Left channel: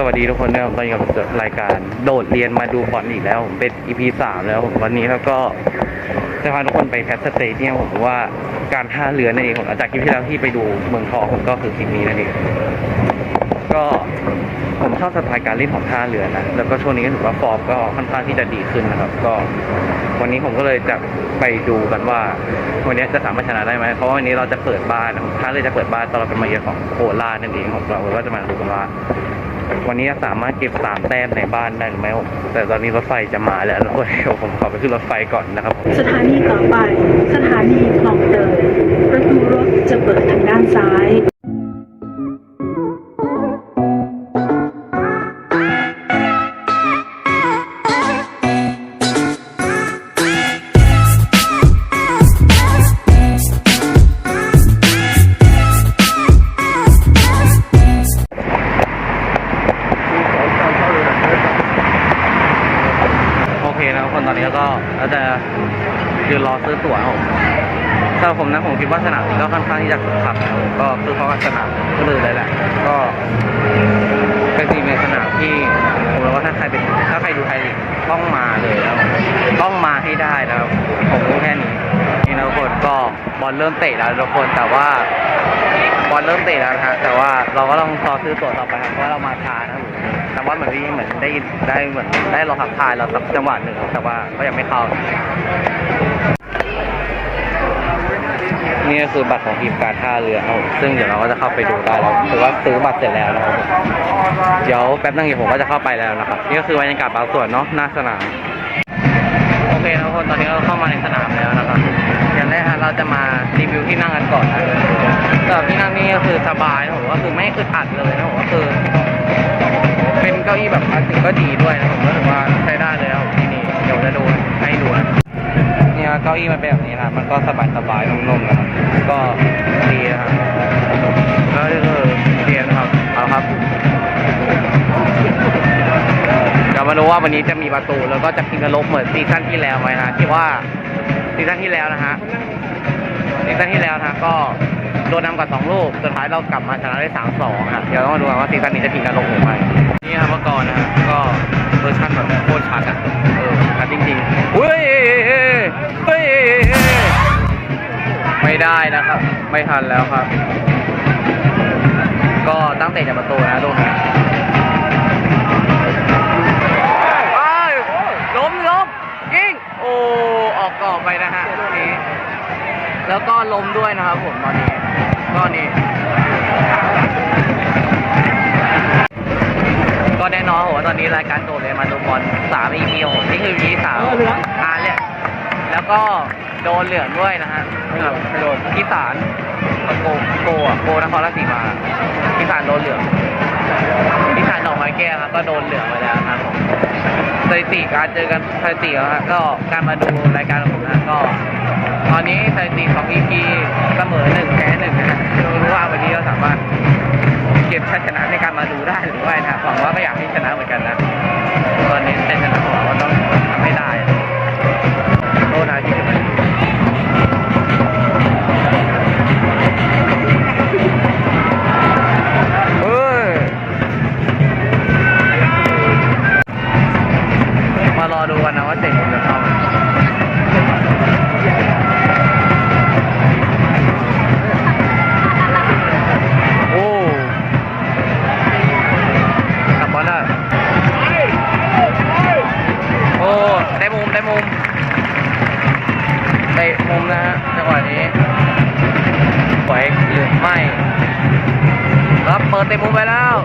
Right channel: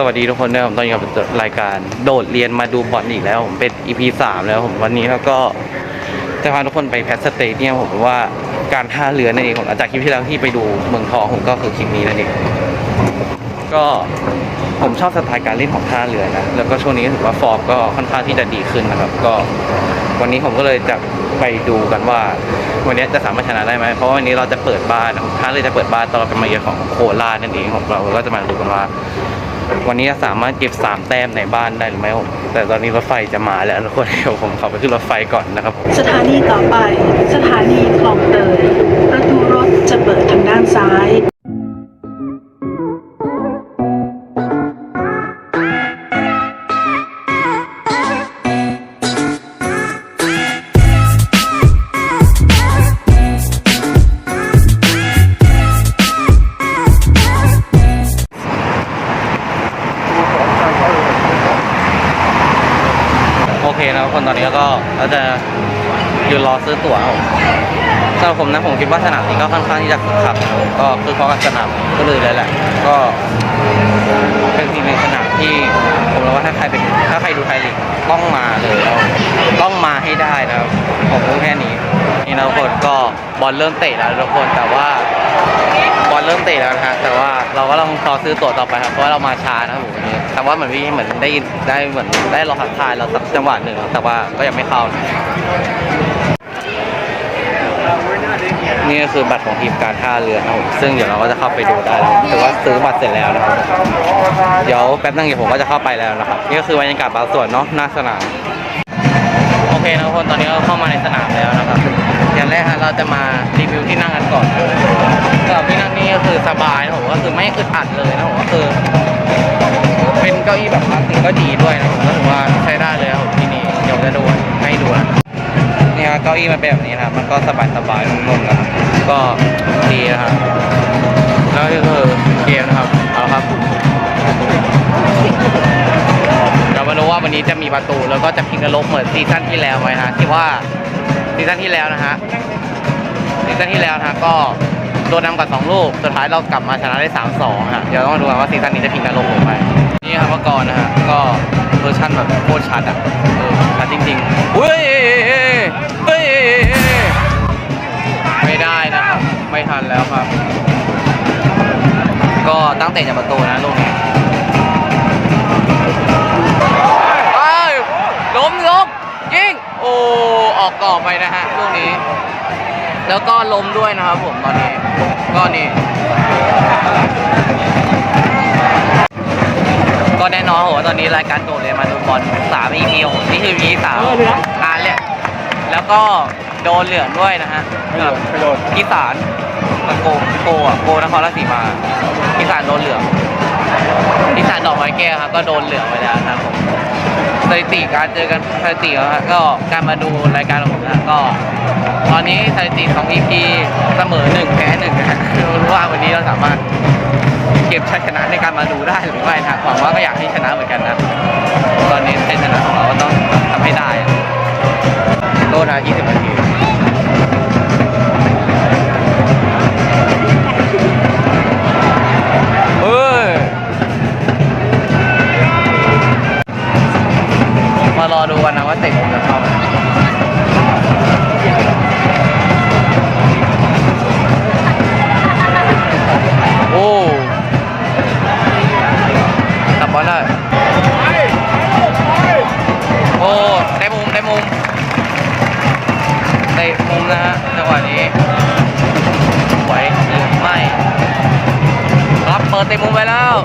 สวัสดีทุกคนด้วยผมตอนนี้กับรายการ โดดเรียนมาดูบอลอีกแล้วผมเป็น EP สามแล้วผมวันนี้แล้วก็จะพาทุกคนไปแพทสเตเดียมผมว่าการท่าเรือนั่นเองผมหลังจากคลิปที่แล้วที่ไปดูเมืองทองผมก็คือคลิปนี้นั่นเองก็ผมชอบสไตล์การเล่นของท่าเรือนะแล้วก็ช่วงนี้ถือว่าฟอร์มก็ค่อนข้างที่จะดีขึ้นนะครับ ก็ วันนี้ผมก็เลยจะไปดูกันว่า วันนี้จะสามารถชนะได้ไหมเพราะวันนี้เราจะเปิดบ้านท่าเรือจะเปิดบ้านตอนเราเป็นมาเยือนของโคราชนั่นเองของเราก็จะมาดูกันว่า วันนี้จะสามารถเก็บสามแต้มในบ้านได้หรือไม่แต่ตอนนี้รถไฟจะมาแล้วทุกคนเดี๋ยวผมขอไปขึ้นรถไฟก่อนนะครับ สถานีต่อไป สถานีคลองเตยประตูรถจะเปิดทางด้านซ้าย คนตอนนี้ก็เราจะยืนรอซื้อตั๋วครับผมสำหรับผมนะผมคิดว่าสนามนี้ก็ค่อนข้างที่จะคึกคักก็คือเพราะสนามก็เลยเลยแหละ ก็เป็นทีมในสนามที่ผมรู้ว่าถ้าใครเป็นถ้าใครดูไทยต้องมาเลยแล้วต้องมาให้ได้นะครับผมรู้แค่นี้นี่นะทุกคนก็บอลเริ่มเตะแล้วทุกคนแต่ว่า บอลเริ่มเตะแล้วนะฮะแต่ว่าเราก็ต้องรอซื้อตั๋วต่อไปครับเพราะว่าเรามาช้านะครับผมวันนี้แต่ว่าเหมือนพี่เหมือนได้ได้เหมือนได้รอทักทายเราสักจังหวะหนึ่งครับแต่ว่าก็ยังไม่เข้านี่ก็คือบัตรของทีมการท่าเรือนะครับผมซึ่งเดี๋ยวเราก็จะเข้าไปดูได้แล้วถือว่าซื้อบัตรเสร็จแล้วนะครับเดี๋ยวแป๊บนึงเดี๋ยวผมก็จะเข้าไปแล้วนะครับนี่ก็คือบรรยากาศบางส่วนเนาะหน้าสนามโอเคนะทุกคนตอนนี้ก็เข้ามาในสนามแล้วนะครับ อย่างแรกฮะเราจะมารีวิวที่นั่งกันก่อนนะสำหรับที่นั่งนี่ก็คือสบายนะผมก็คือไม่อึดอัดเลยนะผมก็คือ เป็นเก้าอี้แบบพลาสติกก็ดีด้วยนะผมก็ถือว่าใช้ได้เลยครับที่นี่เดี๋ยวจะดูให้ดูนะนี่ครับเก้าอี้มันเป็นแบบนี้นะครับมันก็สบายสบายนุ่มๆนะครับก็ดีนะครับแล้วก็คือเดียนะครับเอาครับเดี๋ยวมาดูว่าวันนี้จะมีประตูแล้วก็จะพลิกนรกเหมือนซีซั่นที่แล้วไหมฮะที่ว่า ซีซั่นที่แล้วนะฮะซีซั่นที่แล้วนะะก็โดนนำกับสองลูกสุดท้ายเรากลับมาชนะได้สามสองฮะเดี๋ยวต้องมาดูกันว่าซีซั่นนี้จะพลิกนรกหรือไม่นี่ครับเมื่อก่อนนะฮะก็เวอร์ชันแบบโคตรชัดอะเออชัดจริงๆอุ้ยเฮ้ยไม่ได้นะครับ ไม่ทันแล้วครับ ก็ตั้งเตะจากประตูนะลูกนี้ ออกกรอบไปนะฮะลูกนี้ แล้วก็ล้มด้วยนะครับผมตอนนี้ก็นี่ก็แน่นอนโหตอนนี้รายการโดดเรียนมาดูบอลสาม EP โหนี่คือ EP สามอ่าเลยแล้วก็โดนเหลืองด้วยนะฮะกับพิสารมาโกโกอะโกนครราชสีมาพิสารโดนเหลือง พิสารดอกไม้แก้วครับก็โดนเหลืองไปแล้วนะครับผมสถิติการเจอกันสถิติแล้วฮะก็การมาดูรายการของผมนะก็ ตอนนี้สถิติของ EP เสมอหนึ่งแพ้หนึ่งนะฮะไม่รู้ว่าวันนี้เราสามารถเก็บชัยชนะในการมาดูได้หรือไม่นะหวังว่าก็อยากให้ชนะเหมือนกันนะ ตอนนี้ชัยชนะของเราก็ต้องทำให้ได้โทษนะ20นาที เตะมุมจะเข้าโอ้ตับบอลได้โอ้ได้มุมได้มุมเตะมุมนะฮะจังหวะนี้ไหวหรือไม่ ครับเปิดเตะมุมไปแล้ว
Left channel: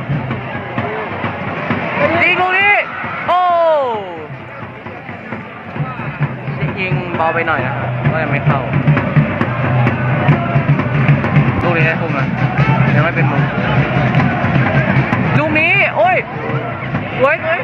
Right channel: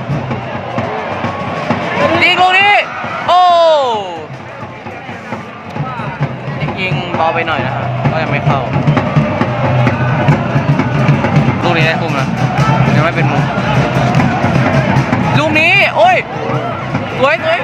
เบาไปหน่อยนะฮะ ก็ยังไม่เข้า ลูกนี้ได้คุมนะ ยังไม่เป็นมุม ลูกนี้ โอ้ย สวยสวย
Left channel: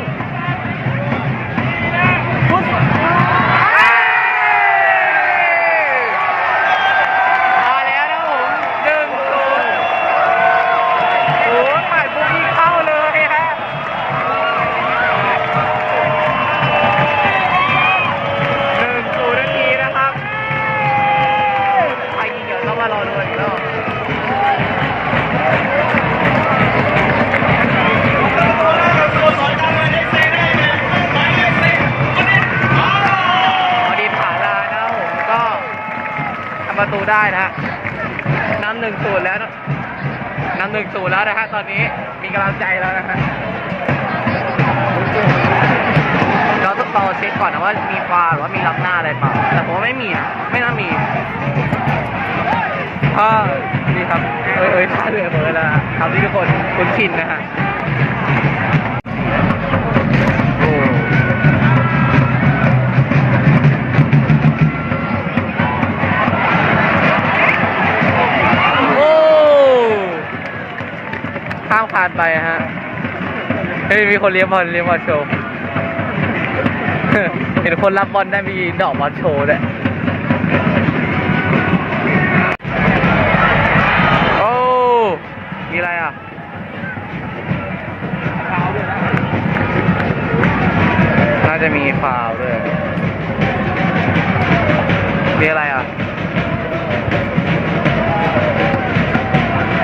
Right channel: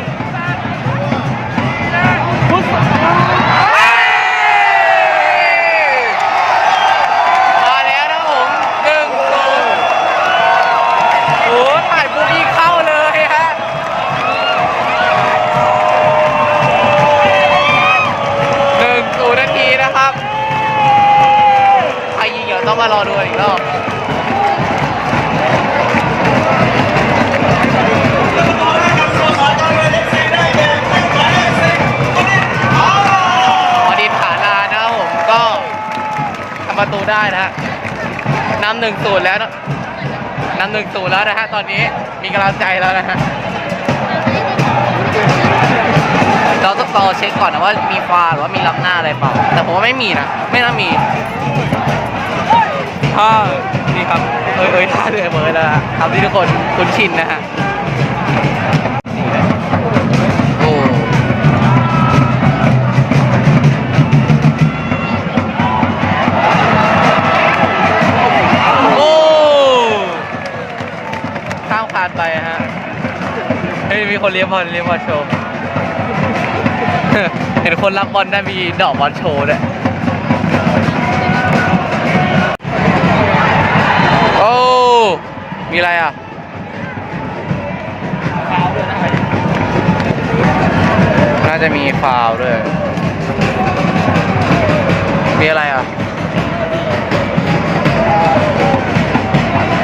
ารอดูอีกรอบอดีตผาลานะครับผมก็ทำประตูได้นะฮะนำหนึ่งสูตรแล้วนำหนึ่งสูตรแล้วนะฮะตอนนี้มีกำลังใจแล้วนะฮะเราต้องรอเช็คก่อนนะว่ามีฟาหรือว่ามีล้ำหน้าอะไรเปล่า แต่ผมว่าไม่มีนะ ไม่น่ามี ถ้านี่ครับ เอ้ยเอ้ยท่าเรือเบอร์แล้วนะทำที่ทุกคนคุ้นชินนะฮะโอ้โอ้ข้ามคานไปฮะเฮ้ยมีคนเลี้ยงบอลเลี้ยงบอลโชว์ เห็นคนรับบอลได้มีดอกบอลโชว์ด้วย จะมีฟาวล์ด้วยมีอะไรอะ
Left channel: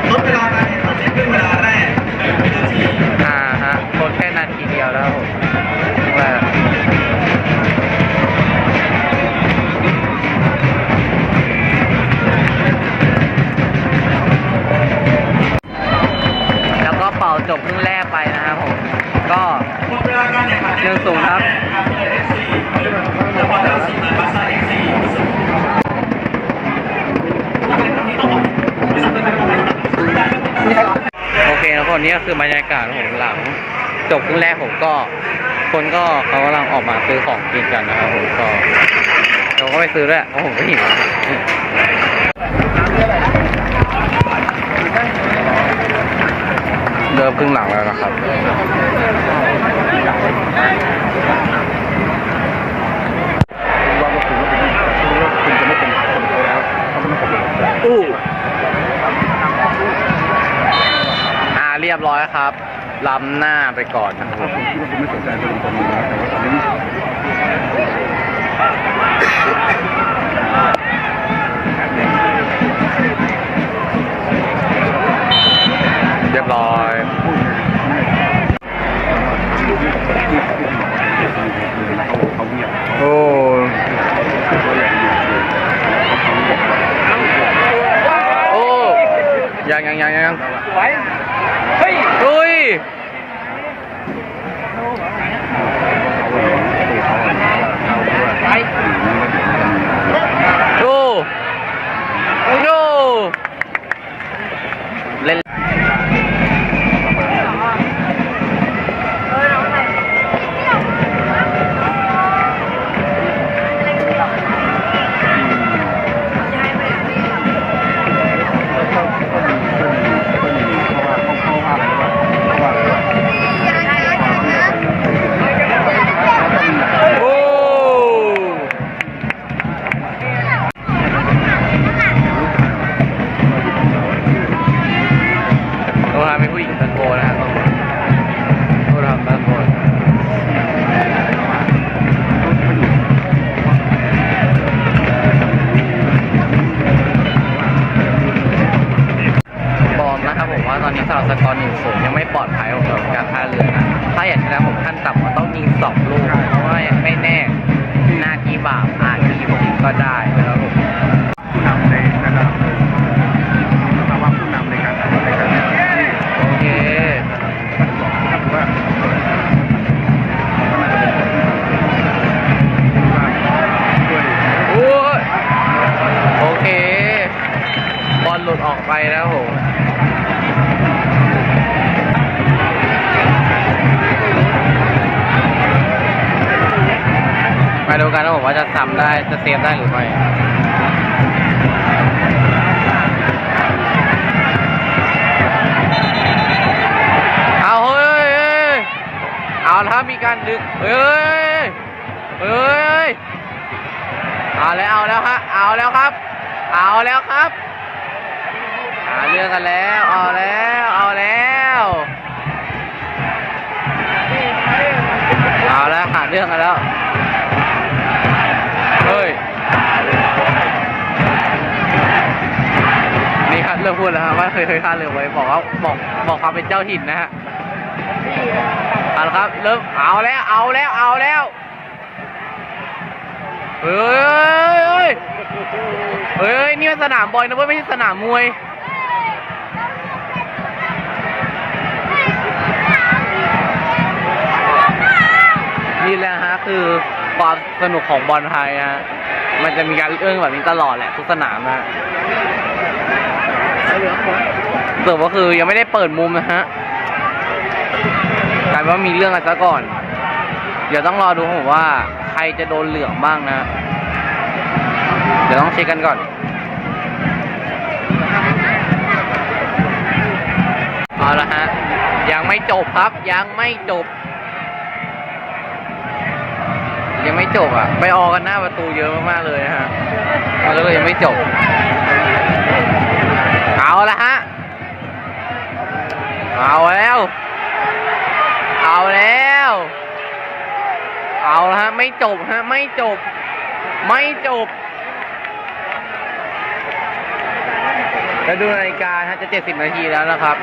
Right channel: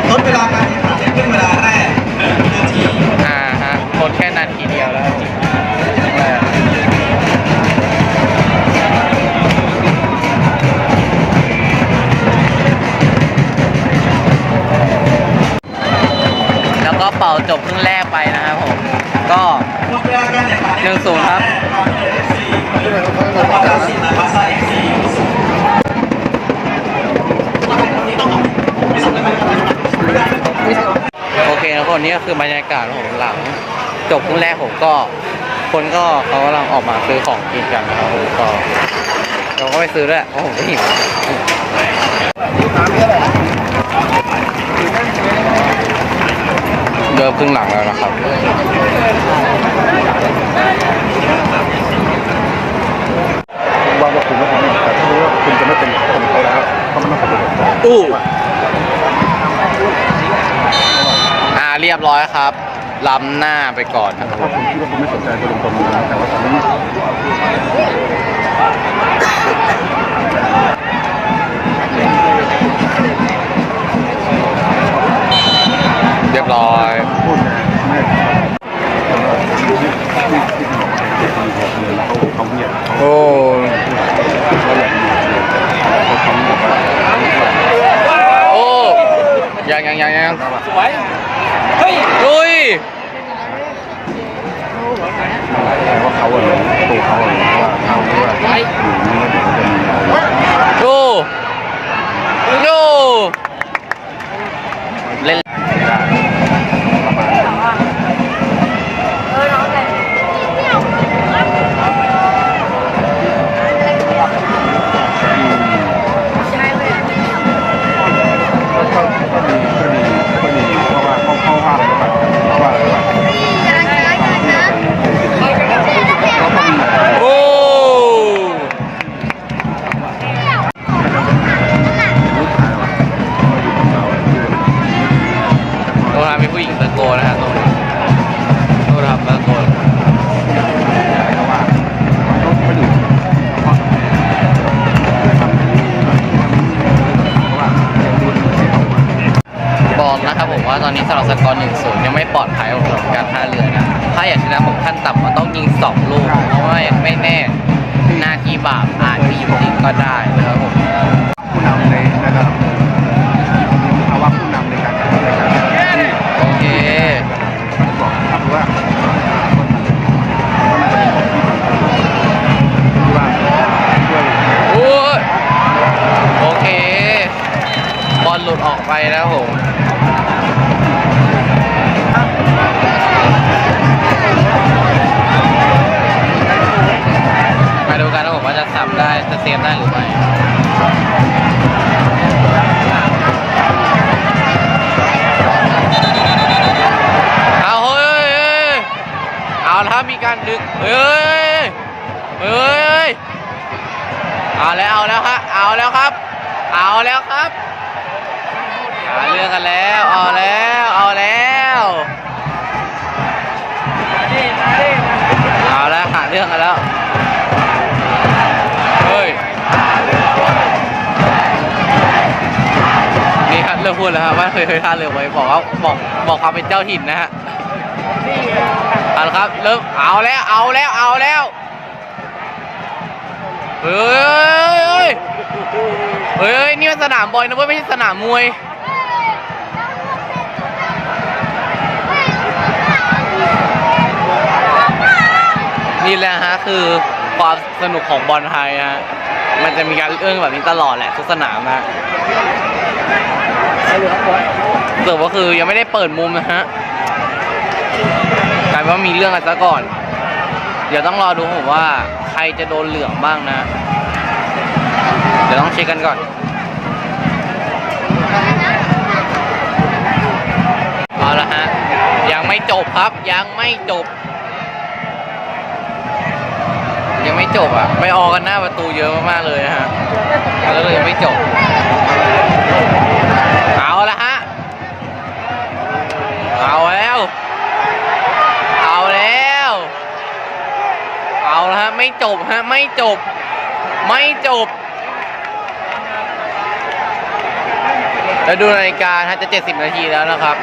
ลดเวลาการแข่งขันให้เป็นเวลาแรก1นาทีอ่าฮะกดแค่นาทีเดียวแล้วผมอะไแล้วก็เป่าจบครึ่งแรกไปนะครับผม ก็หนึ่งศูนย์ครับบอเอฟซีมาบาซ่าเอฟซีโอเคนะคนนี้ก็คือบรรยากาศของหลัง จบครึ่งแรกผมก็ คนก็เขากำลังออกมาซื้อของกินกันนะครับผมก็เราก็ไปซื้อด้วยเพราะผมก็หิว เดิมครึ่งหลังแล้วนะครับว่าคุณว่าคุณจะไม่เป็นคนเขาแล้วเขาไม่เป็นอู้อ่าเรียบร้อยครับล้ำหน้าไปก่อนนะครับถ้าคุณคิดว่าคุณไม่สนใจจะเป็นคนนี้แต่ว่าตอนนี้ เรียบร้อยเขาเงียบโอ้โอ้ยังยังยังยังสวยเฮ้ย นะครับผมว่าตอนนี้สำหรับสกอร์หนึ่งศูนย์ยังไม่ปลอดภัยของสำหรับการท่าเรือนะ ถ้าอยากชนะผมขั้นต่ำก็ต้องยิงสองลูกเพราะว่ายังไม่แน่หน้าที่บาปอาจมีอยู่จริงก็ได้นะครับผมผู้นำในะครับโอเคโอ้โอเค บอลหลุดออกไปแล้วผม มาดูกันนะผมว่าจะซ้ำได้จะเซฟได้หรือไม่เอาเฮ้ยเอาแล้วมีการดึงเฮ้ยเฮ้ยเอาแล้วเอาแล้วฮะเอาแล้วครับ เอาแล้วครับหาเรื่องกันแล้วเอาแล้วเอาแล้วเอาแล้วหาเรื่องกันแล้ว เริ่มพูดแล้วฮะว่าเคยเคยท่าเรือไว้บอกว่าบอกบอกความเป็นเจ้าถิ่นนะฮะเอาละครับเริ่มเอาแล้วเอาแล้วเอาแล้วเฮ้ยเฮ้ยเฮ้ยนี่มันสนามบอลนะเว้ยไม่ใช่สนามมวยนี่แหละฮะคือความสนุกของบอลไทยฮะมันจะมีการเอื้องแบบนี้ตลอดแหละทุกสนามนะ สิร์ฟก็คือยังไม่ได้เปิดมุมนะฮะกลายเป็นว่ามีเรื่องกันซะก่อน เดี๋ยวต้องรอดูผมว่าใครจะโดนเหลืองบ้างนะ เดี๋ยวต้องเช็คกันก่อนเอาละฮะ ยังไม่จบครับ ยังไม่จบ ยังไม่จบอะ ไปออกกันหน้าประตูเยอะมากๆเลยนะฮะมันก็เลยยังไม่จบ เอาละฮะ เอาแล้ว เอาแล้ว เอาละฮะ ไม่จบฮะ ไม่จบ ไม่จบ แล้วดูนาฬิกาฮะจะ 70 นาทีแล้วนะครับ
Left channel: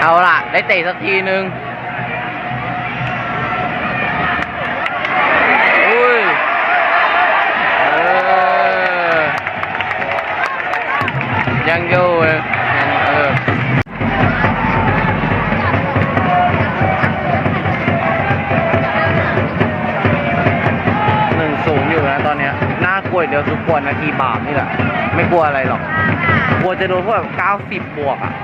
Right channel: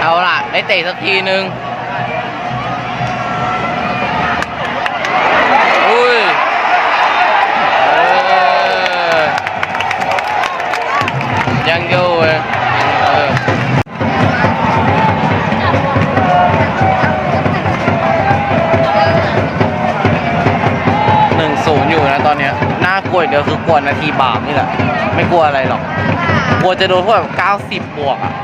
เอาล่ะ ได้เตะสักทีนึงอุ้ยยังอยู่ วอย่างเดียวคือกลัวนาทีบาปนี่แหละ ไม่กลัวอะไรหรอก กลัวจะโดนพวกแบบเก้าสิบบวกอะ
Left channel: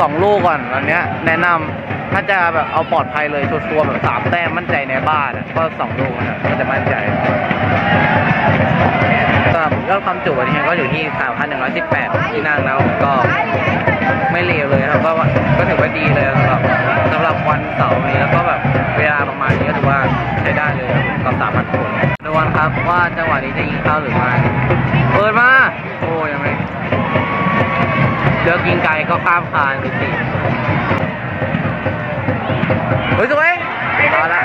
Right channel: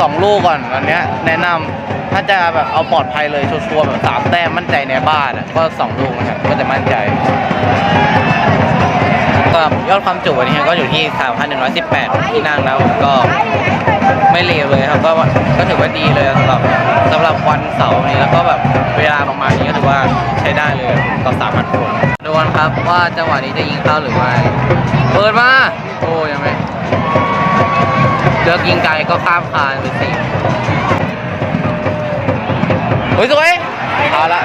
สองลูกก่อนอันเนี้ย แนะนำถ้าจะแบบเอาปลอดภัยเลยชัวร์ๆแบบสามแต้มมั่นใจในบ้านอะก็สองลูกนะครับก็จะมั่นใจ สำหรับยอดความจุวันนี้ก็อยู่ที่ 3,118 ที่นั่งแล้วก็ไม่เลวเลยครับก็ก็ถือว่าดีเลยสำหรับสำหรับวันเสาร์นี้แล้วก็แบบเวลาประมาณนี้ก็ถือว่าใช้ได้เลยกับ3,000คนดูกันครับว่าจังหวะนี้จะยิงเข้าหรือไม่เปิดมาโอ้ยังไม่เลือกยิงไกลก็ข้ามคานไปสิเฮ้ยสวยเอาละ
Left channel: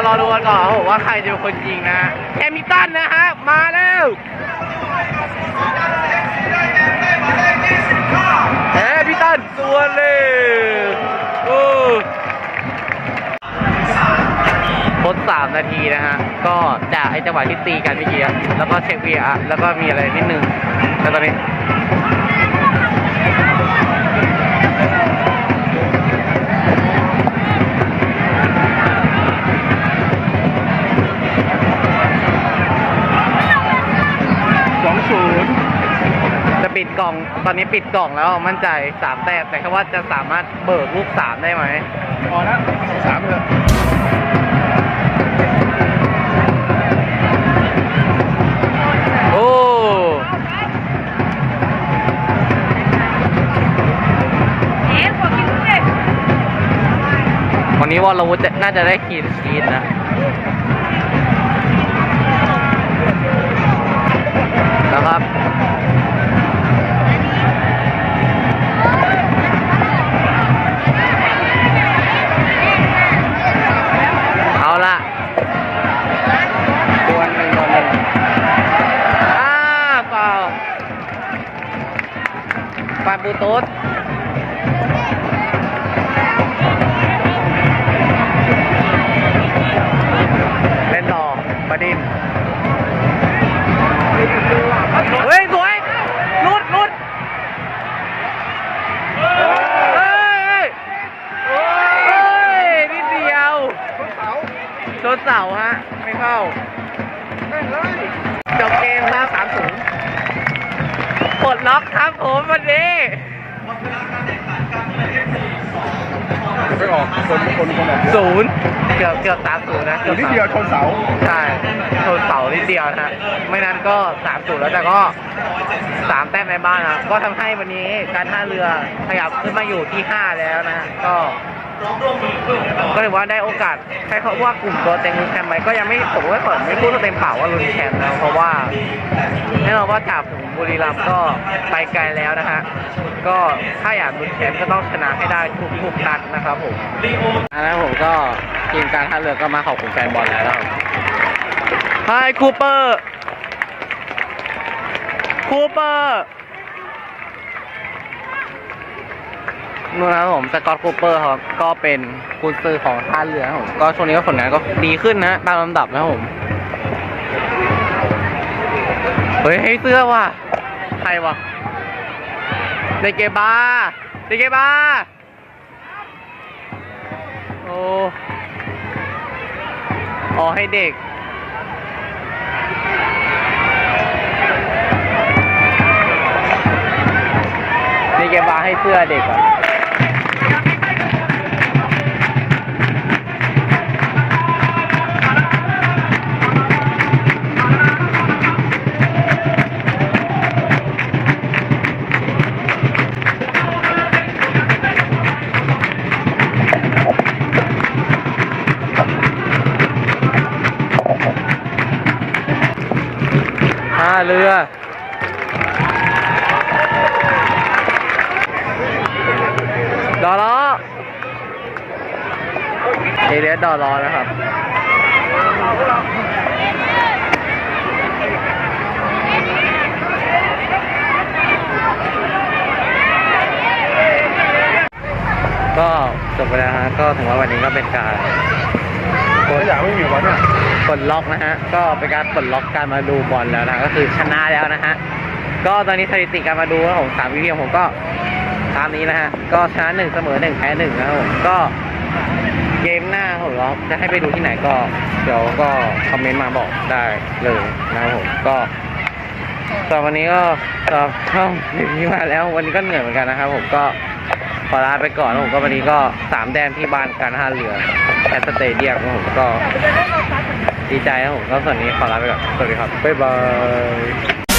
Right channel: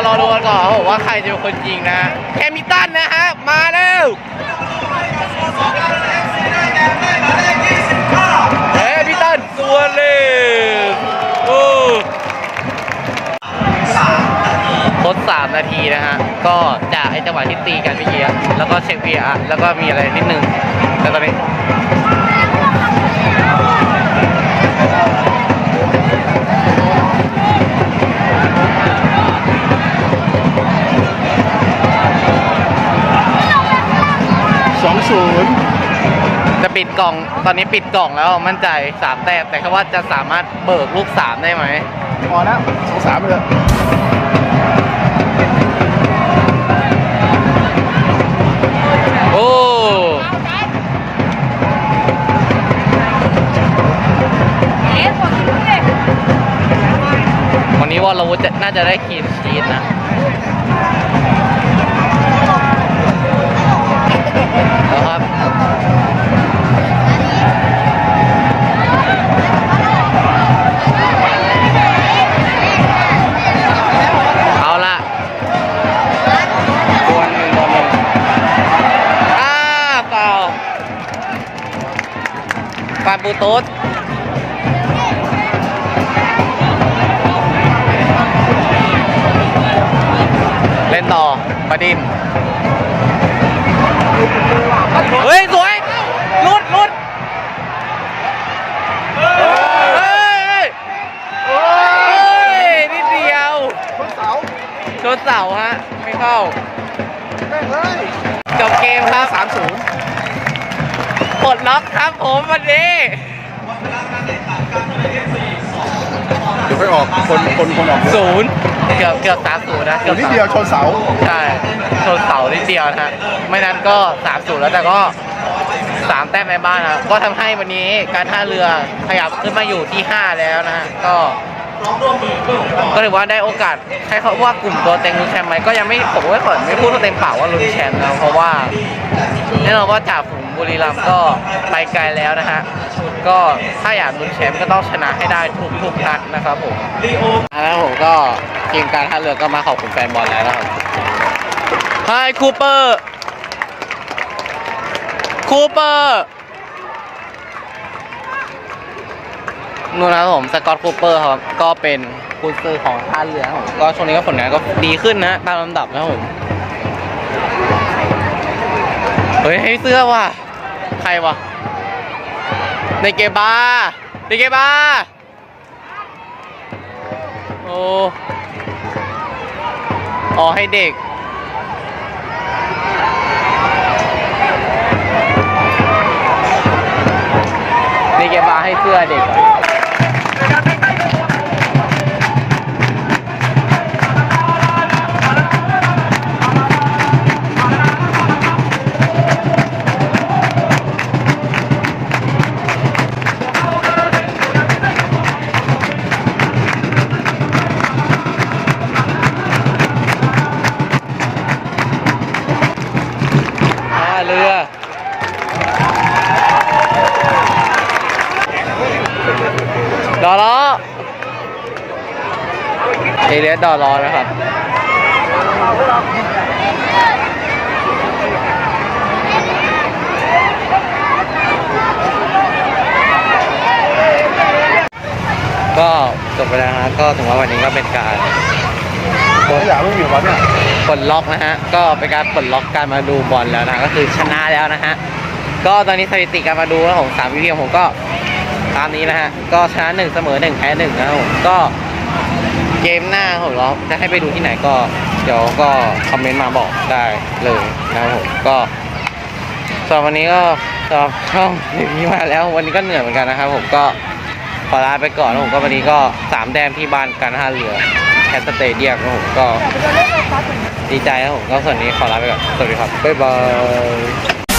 ารอดูกันก่อนผมว่าใครจะเป็นคนยิงนะแคมิตันนะฮะ มาแล้วเฮ้พี่ตันสวนเลยโอ้ทดสามนาทีนะฮะ ก็จากไอจังหวะที่ตีกันเมื่อกี้แล้วก็เช็ค VR แล้วก็มีอะไรนิดนึงแล้วตอนนี้ กล่อง ตอนนี้ปิดกล่องแล้วมั่นใจสามแต้มแต่แค่ว่าจะสามารถเบิกลูกสามได้ไหมพอแล้วสองสามเลยโอ้เอ๊ะขอกินด้วยวันนี้วอลวุฒิจะน่าจะได้คีนชีตนะนะครับ ปาบูโต๊ดเล่นต่อบดิน เฮ้ย สวยลุดลุดเฮ้ย เฮ้ย นิดเดียว ชนเสาฮะ ไม่เข้า จบเกมครับสามศูนย์ ปลดล็อกครับผมวันนี้ไม่ออกคนคนคนออกศูนย์เกือบเกือบสามศูนย์นะอเกือยู่บนิดสามเดียวชนเสาใช่ชนเสานิดเดียวนะฮะไม่นั้นก็สามศูนย์แล้วแต่ก็สามแต้มในบ้านนะก็ทำให้วันนี้การท่าเรือขยับขึ้นมาอยู่ที่ห้าแล้วนะฮะ ก็ถือว่าได้โอกาสใช้คำว่ากลุ่มตัวเต็งลุ้นแชมป์ไหมก็ยังไม่ผมก็ขอไม่พูดเต็มปากว่าลุ้นแชมป์แล้วเพราะว่าแน่นอนว่าจากฝูงบุรีรัมย์ก็ไปไกลแล้วนะฮะก็ถ้าอยากลุ้นแชมป์ก็ต้องชนะให้ได้ทุกทุกนัดนะครับผมอันนั้นผมก็ทีมการท่าเรือก็มาขอบคุณแฟนบอลแล้วนะครับไฮคูเปอร์คูเปอร์ นู่นนะครับผมสกอตคูเปอร์ครับก็เป็นกุนซือของท่าเรือครับผมก็ช่วงนี้ก็ผลงานก็ดีขึ้นนะตามลำดับนะครับผมเฮ้ยให้เสื้อว่ะใครวะในเกบาในเกบาโอ้อ๋อให้เด็กนี่แกบาให้เสื้อเด็กอะ ดอล้อเอเลียสดอล้อนะครับก็จบไปแล้วฮะก็ถึงว่าวันนี้ก็เป็นการตัวอย่างไม่มีวะเนี่ยปลดล็อกนะฮะก็เป็นการปลดล็อกการมาดูบอลแล้วนะก็คือชนะแล้วนะฮะก็ตอนนี้สถิติการมาดูของสามวิดีโอผมก็ ตามนี้นะฮะ ก็ชนะหนึ่งเสมอหนึ่งแพ้หนึ่งนะครับผมก็เกมหน้าผมเราจะให้ไปดูที่ไหนก็ เดี๋ยวก็คอมเมนต์มาบอกได้เลยนะครับผมก็สำหรับวันนี้ก็สำหรับช่องนี้มาแล้ว วันนี้ก็เหนื่อยเหมือนกันนะครับผมก็ขอลาไปก่อนนะผมก็วันนี้ก็สามแต้มที่บ้านการท่าเรือแคสเตเดียมนะผมก็ดีใจครับผมก็ส่วนนี้ขอลาไปก่อน สวัสดีครับ บ๊ายบาย